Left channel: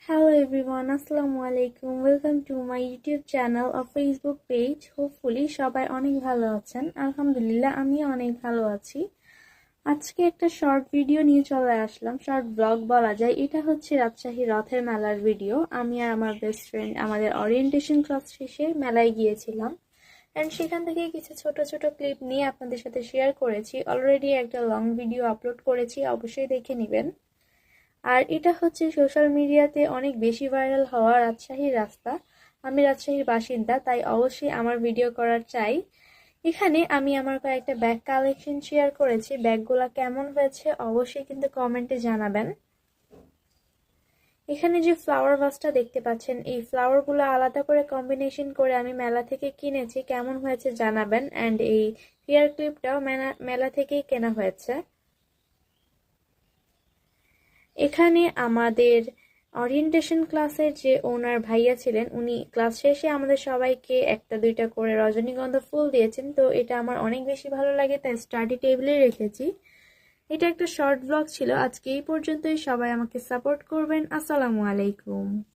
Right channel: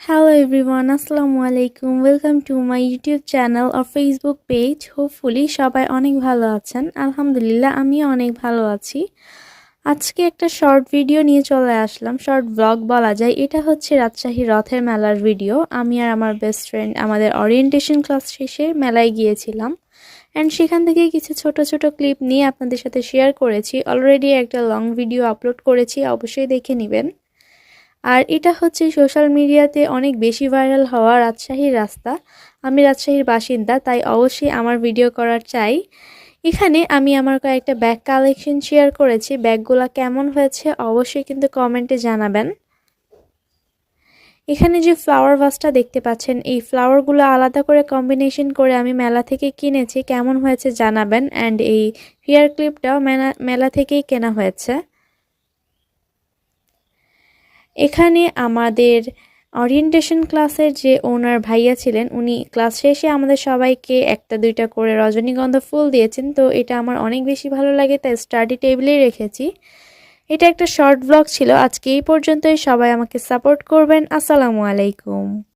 Hello everyone, Assalamu alaikum. Welcome to my YouTube channel or Facebook page. Hopefully সবাই অনেক ভালো আছেন। আলহামদুলিল্লাহ আমিও অনেক ভালো আছি। আজকে একটা শর্ট ভিডিও নিয়ে চলে আসলাম। শর্ট ব্লগ বলা যায়। এটা হচ্ছে রাজশাহী রথের মেলার ভিডিও। আমি আর আমার বেস্ট ফ্রেন্ড আমাদের ওরিয়েন্টেশন ক্লাস শেষে মেলায় গিয়েছিলাম। অ্যান্ড সেখান থেকে কিছু ছোট ছোট ক্লিপ নিয়ে আপনাদের সাথে শেয়ার করেছি। অলরেডি একটা লং ভিডিও আপলোড করেছি, অবশ্যই দেখে নেবেন। আর এটা হচ্ছে সোশ্যাল মিডিয়াতে অনেক বেশি ভাইরাল হওয়া রাজশাহীর রাস্তা। আমি রাজশাহীর বাসিন্দা, তাই অবশ্যই আমার ভিডিও করার চাই। এখানে আমি আমার কয়েকটা ব্যাগ কালেকশন শেয়ার করেছি। ব্যাগগুলো কেমন হয়েছে অবশ্যই কিন্তু কমেন্টে জানাবেন। এখানে যে ফ্লাওয়ার ভাসটা দেখতে পাচ্ছেন, এই ফ্লাওয়ারগুলো আলাদা করে কম্বিনেশন করে আমি মেলা থেকে কিনেছি। কেমন হয়েছে জানাবেন। অ্যান্ড এই হেয়ার ক্লিপটাও মেলা থেকেই কেনা হয়েছে। এখানে আমাদের ওরিয়েন্টেশন ক্লাসের যে ওনার ভাইয়া ছিলেন, উনি ক্লাস শেষে আমাদের সবাইকে একটা দুইটা করে রজনীগন্ধা ফুল দিয়েছেন। তো এটা আমার অনেক বেশি ভালো লাগে, তাই স্টাডি টেবিলেই রেখেছি। এটা একটা শর্ট ব্লগ ছিল। আজকে এই পর্যন্তই। সবাই আমাকে সাপোর্ট করবেন। আসসালামু আলাইকুম।